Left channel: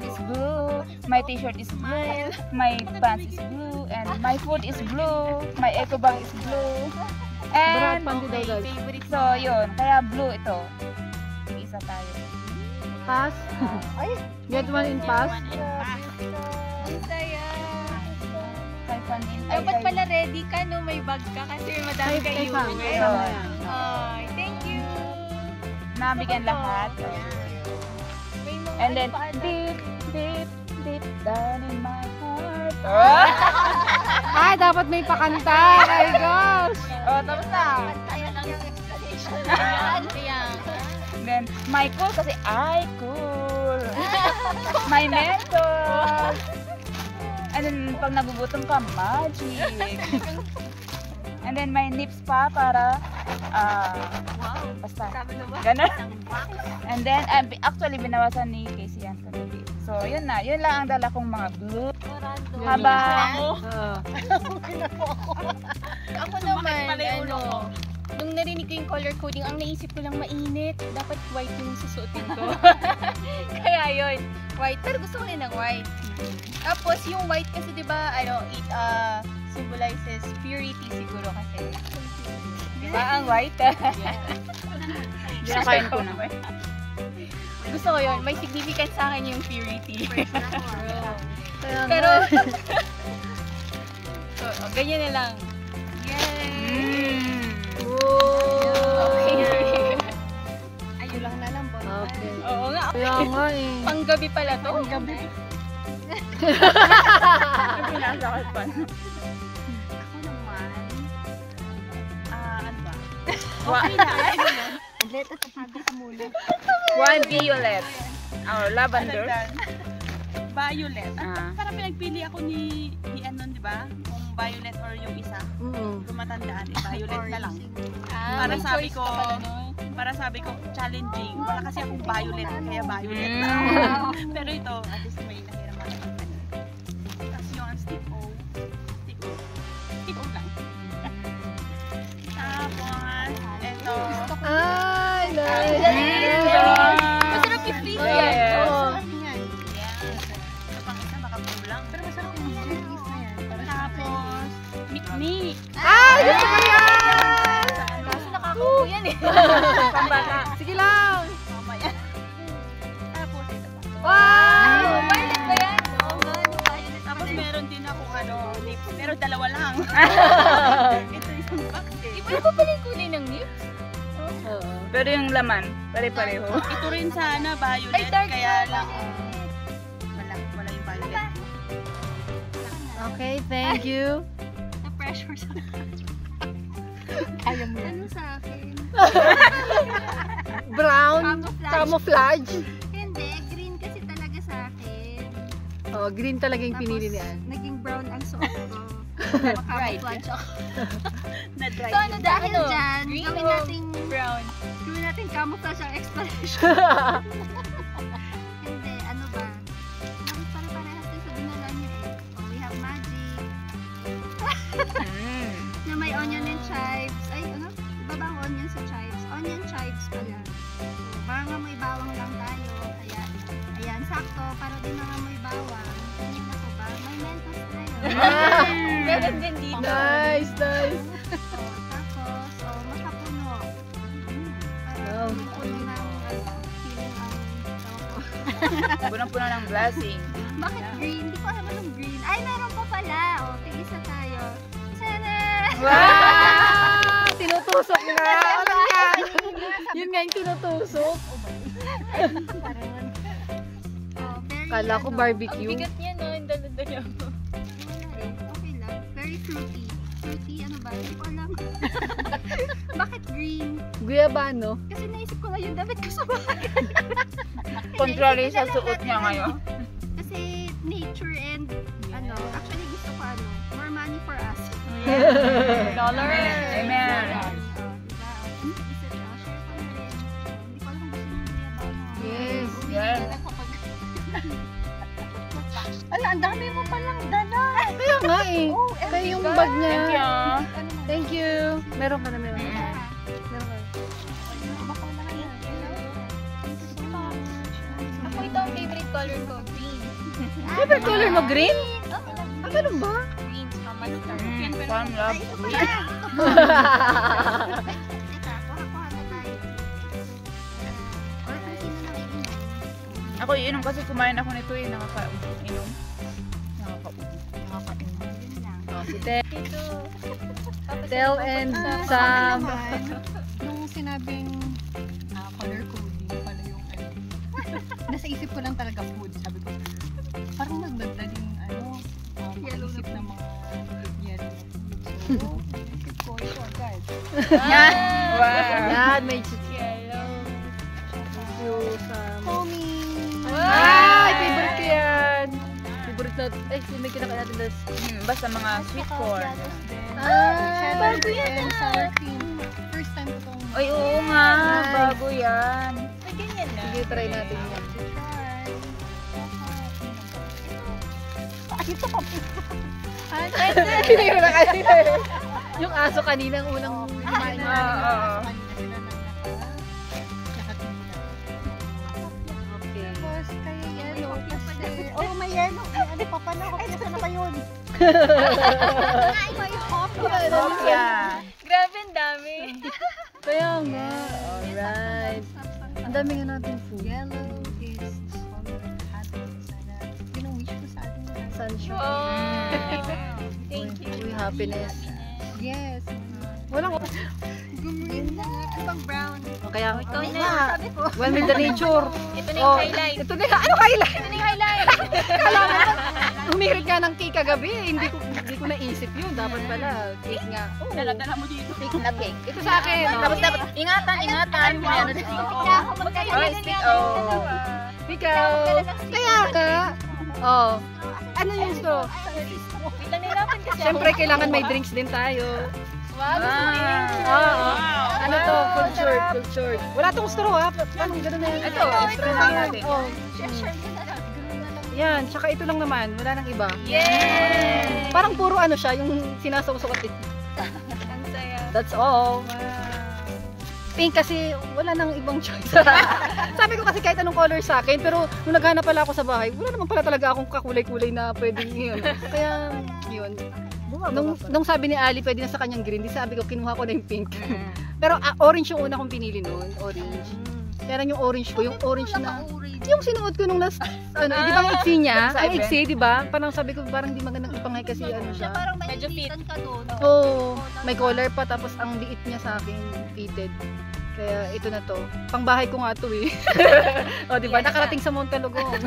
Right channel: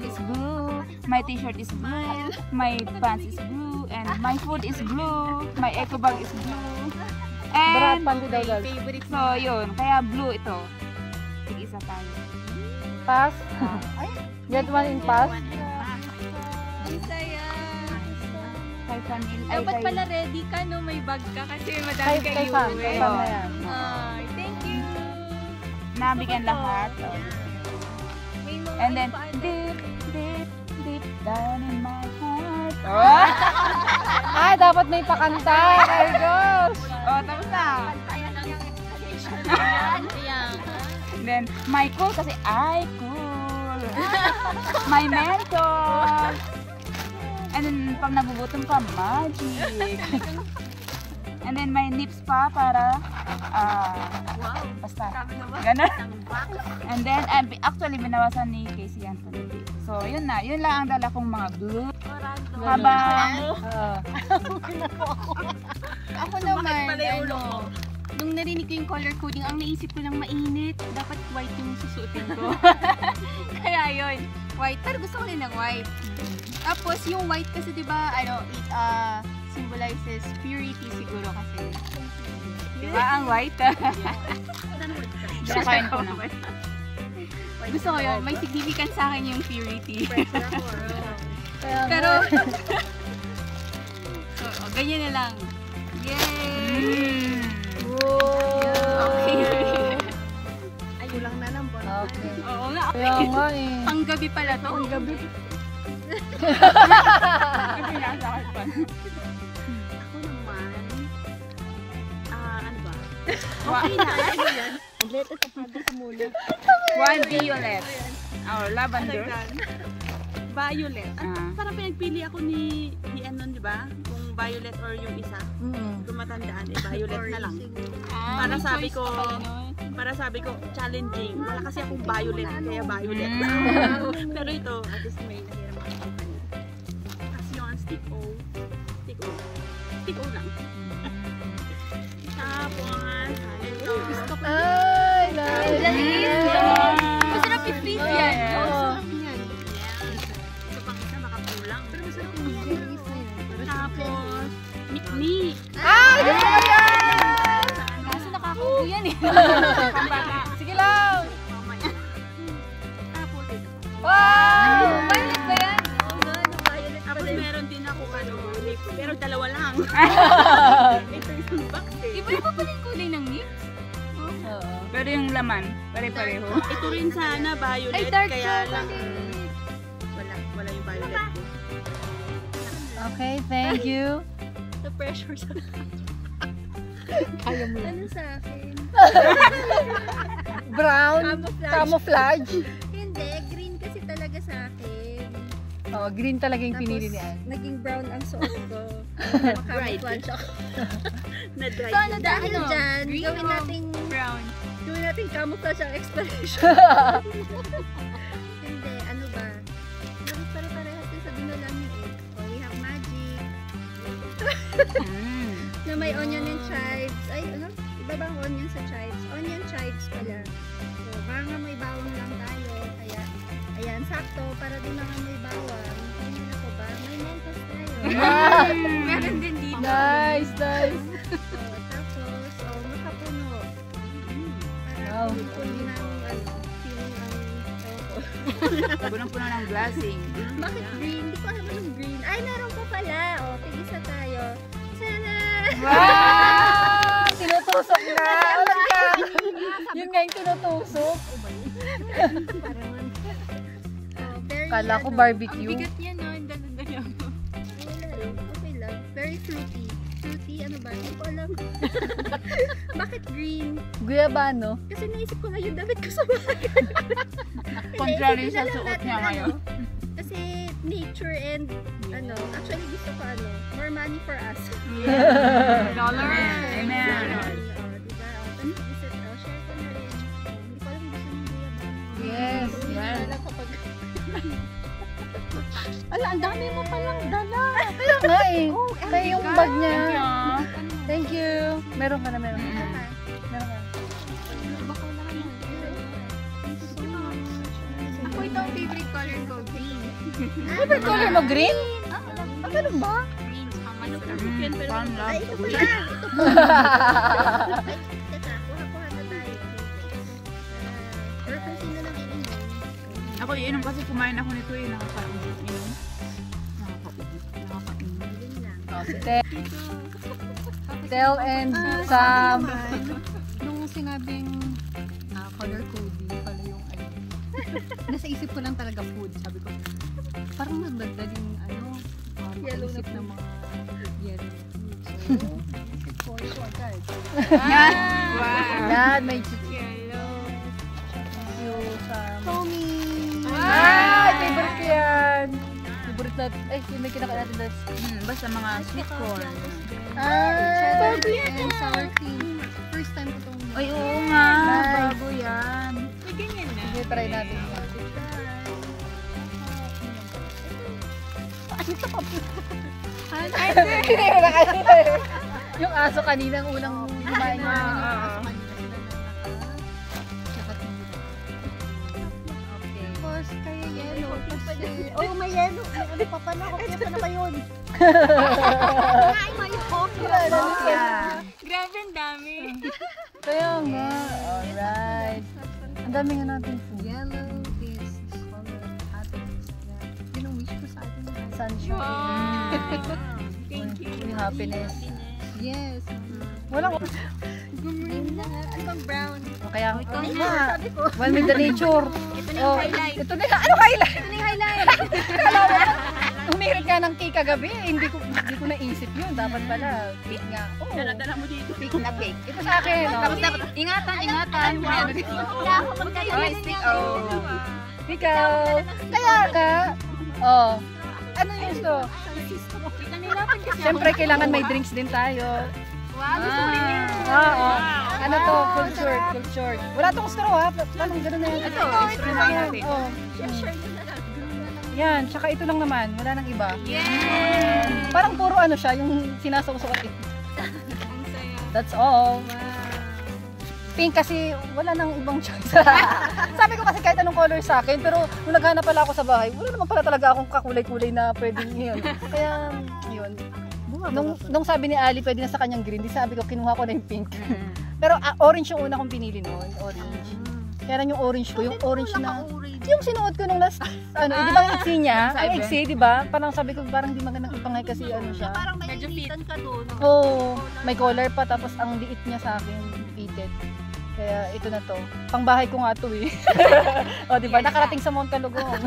bag is blue, my t-shirt is blue, my pants is blue, and my food is blue, my eco bag is blue. And favorite, so yun, kaya blue ito. Isa tayo. Pass. Get one in pass. Ang saya. Ay, Dapat pala ready ka no, may bag ka kasi madami kayo uwi. Ay, thank you. Nabigyan lahat. May mga And then, ano pa, deep, deep, deep down in my heart. Ay, dapat may pakanta. Oh my gosh. Oh, tapos na. Kaya lang yung explanation. Ayan, ayan. Then, my cool kasi I cool. My mentor. And then, pag nagugutom ka, magic. And then, my nips pa para, Wow. basta. Sabi na ba? Ganun. Isang box. And then, actually, binawasan ni Casey yan kanili. So, yun na. Yun lang ang dala kong mga blue. Habang, Ako naman, ano, nung narinig ko yung color coding, ang naisip ko lang mainit. Dapat white yung susuotin ko. Kaya yun, white. Pero gusto ko rin ng white. Tapos yung white kasi diba, ano, it symbolizes purity siguro kasi. Diba ang white? Pinakain ko na. Gusto ko yun, may significance sa akin yung purity. Pero, so, ganyan na lang. Yay! Okay. Ayun lang na lang po. Okay. Oo nga. Kaya nga eh. Panggabi pala to. Panggabi. Hindi nasakot pa. Ako naman, ano ba? Okay na, ano yan? Leto, tapaga ka muna. One violet. Oh, lavender. Violet. Parang pinagpili ako ni Anon, di ba? Kung violet or yung isa. Tumatandaan, violet na lang. Para sabi ko, challenging. Wala kasi akong violet, kaya violet lang. Pero ito, at least may nahiraman ako kanya. Tapos yung stick-o. Stick-o lang. Tapos, ito. Ay, nice. Masarap i-freeze yan. Yeah. Masarap yan. Ito pang isa, baka kulang. Pero masarap yung freeze na yan. Tapos, mikmi. Ay, gusto ko yan. Kasi nakakaubo yan eh. Sige lang. Mamaya. Tapos, ito. Wow. Violet ba yan? Oo nga, yung violet Tapos pala yun. meron din ako lip, pero dalawa lang. Ito yung box eh. Iba pa pala yung kulay ng lips. Pero yung laman, pare-pareho. Ito rin sana violet, Ay, dark kaya chocolate. lang wala yung violet. Okay, thank you. The pressure sa Kaya mo yan. ano sa akin? Brown. Camouflage. Camouflage. Hindi, green kasi talaga sa akin. Oh, green talaga yung pinili Tapos, niya. naging brown ang suot ko. Makamouflage ako. Na-dry. Dahil dyan, Brown. gawin natin camouflage ang explanation. Hindi, ano ba? Bakit pare-parehas din sa dinala niya eh. Oh, we have magic. Na may onion and chives. Ay, ano? Iba ba ang onion sa chives? Onion chives pala. So, baka nga may bawang lang tayo. Kaya, ayan, sakto. Para din mga may bawang. Ganyan ako ba? May mentos tayo. Meron din dito. Nice, nice. Tapos, makapuno. Para Wow. puno ng, feeling ang, Punong-puno ng blessing. bakit green? Hindi ko alam anong green. Ay, meron pa pala. O, tigisa tayo. Sana! Wow! Tinutusok na. Alam ka. Yun nga yung tinutusok. Very, Kala ko barbecue. Ang bigat niya, no? Ang dala-dala niya. Wala eh. Okay lang. Very fruity. Fruity, ano ba? Hindi ko alam. Bakit green? Guyabano. Kasi naisip ko nga yung damit ko sa bahay. Contrary sa Hindi, suot natin, niya ngayon. Kasi nature and actually gusto ko more money for us. Dollar. Amen. Amen. Diba? Share ko na rin. Hindi ko alam kung gusto ng guyabano. Yes. Uwi Yeah. na lang kapag... Ala, ang dami mo palang dala. Kaya nga eh. Oh, Kaya yung bag niya. Thank you. Thank you. Meron ka na, meron ka na. Meron ka na. Ako ito ang favorite color ko, green. Favorite color mo, green? Ah, ganun ba? Green, tsaka mustard. Yan, pero Fun love. Ito pala. Teka, kuha-kuha na tayo. Or kung sino lang iinom. Ako iinom kasi kumain ako nito eh. Nakaka-inom. Nakaka-inom. Yun lang. Oh, si Tel and Sam. Nung sinabing color coding pala yung ano, nasa isip ko lang talaga food. Sabi ko, parang magdadaling makaisip ng mga yellow. So, isip ko ito agad. Yan, may chichi. Yellow. Yung Sam. Tommy! Ay, favorite ko yan. Favorite natin. Ay, may kinakain natin this. Basta mga sweet corn. Cheddar and sour cream. First time ko itong Ay, oo nga. Nice. Bago yan. Ay, ganyan na. Sige, try natin yan. Tinira na kasi. Yung aso kaninang unang kumain Kasi niya. namin yung aso kanina sila nakatingin. Okay. Tapos kaya yellow kasi... Oh, may yellow. May ano pa pala. Kopya pa na ba yun? Ay, may hopya. Grabe, ang dami. Kaya nga. Alright. Ang dami nga natin food. Yellow is the color of happiness. Yun ang wish ko sa atin. Sunshine. Thank you. Uy, happiness. Yes. Walang... Green na nga. Ano bang brown? Kaya nga. Well, with the nature. Ito na yung highlight. Ito na. Ano highlight? Ito na yung highlight. Kala mo, humirit ka ng cake kagabi. Hindi ko naisip yun. Dapat pala. Cake nga. Oh, dala mo dito. cake na cake. Ito sa akin. Tapos dapat, ingatan. May ano dito. Oh, stick. Oh. Ikaw. Kaya ka. Oh. Ano yung gusto? Ito na natin kasi. Siyempre, kailangan may drinks din tayo. Oo. Ano to? Full short. Full short. Wala tong straw ha. Paano gano'n na yan? Ito, straw lang natin. Oh. Yan. Tsaka ito lang naman. Wala nang iba. Yay! Parang puro ano siya. Yung sinasawsakat ito. Ang saya. That's all. Pink kasi wala nang ibang choice. Sabi ko kasi kahit anong color sa akin, pero nung naghanap pala ako sa bahay, wala naman pala talaga akong kakulay-kulay na pwedeng yun. Kaya, yun. Nung sabi ni Ali, pwede na sa kanyang green, di sabi ko, kinuha ko na yung pink. Pero orange yung una kong pinili noon, orange. Kaya yung orange ko, yung orange na, yung sinuot ko nung last, ano, di ba ang iksi niya? Ang iksi, di ba? Parang sabi ko, parang di magandang ipangay kasi ano siya. Parang Medyo fit. ka doon. Oo, may collar pa tapos ang liit niya sa akin, fitted. Kaya ito na to. Pangbahay ko nga to eh. O, di ba? Nakarating sa Montalugong.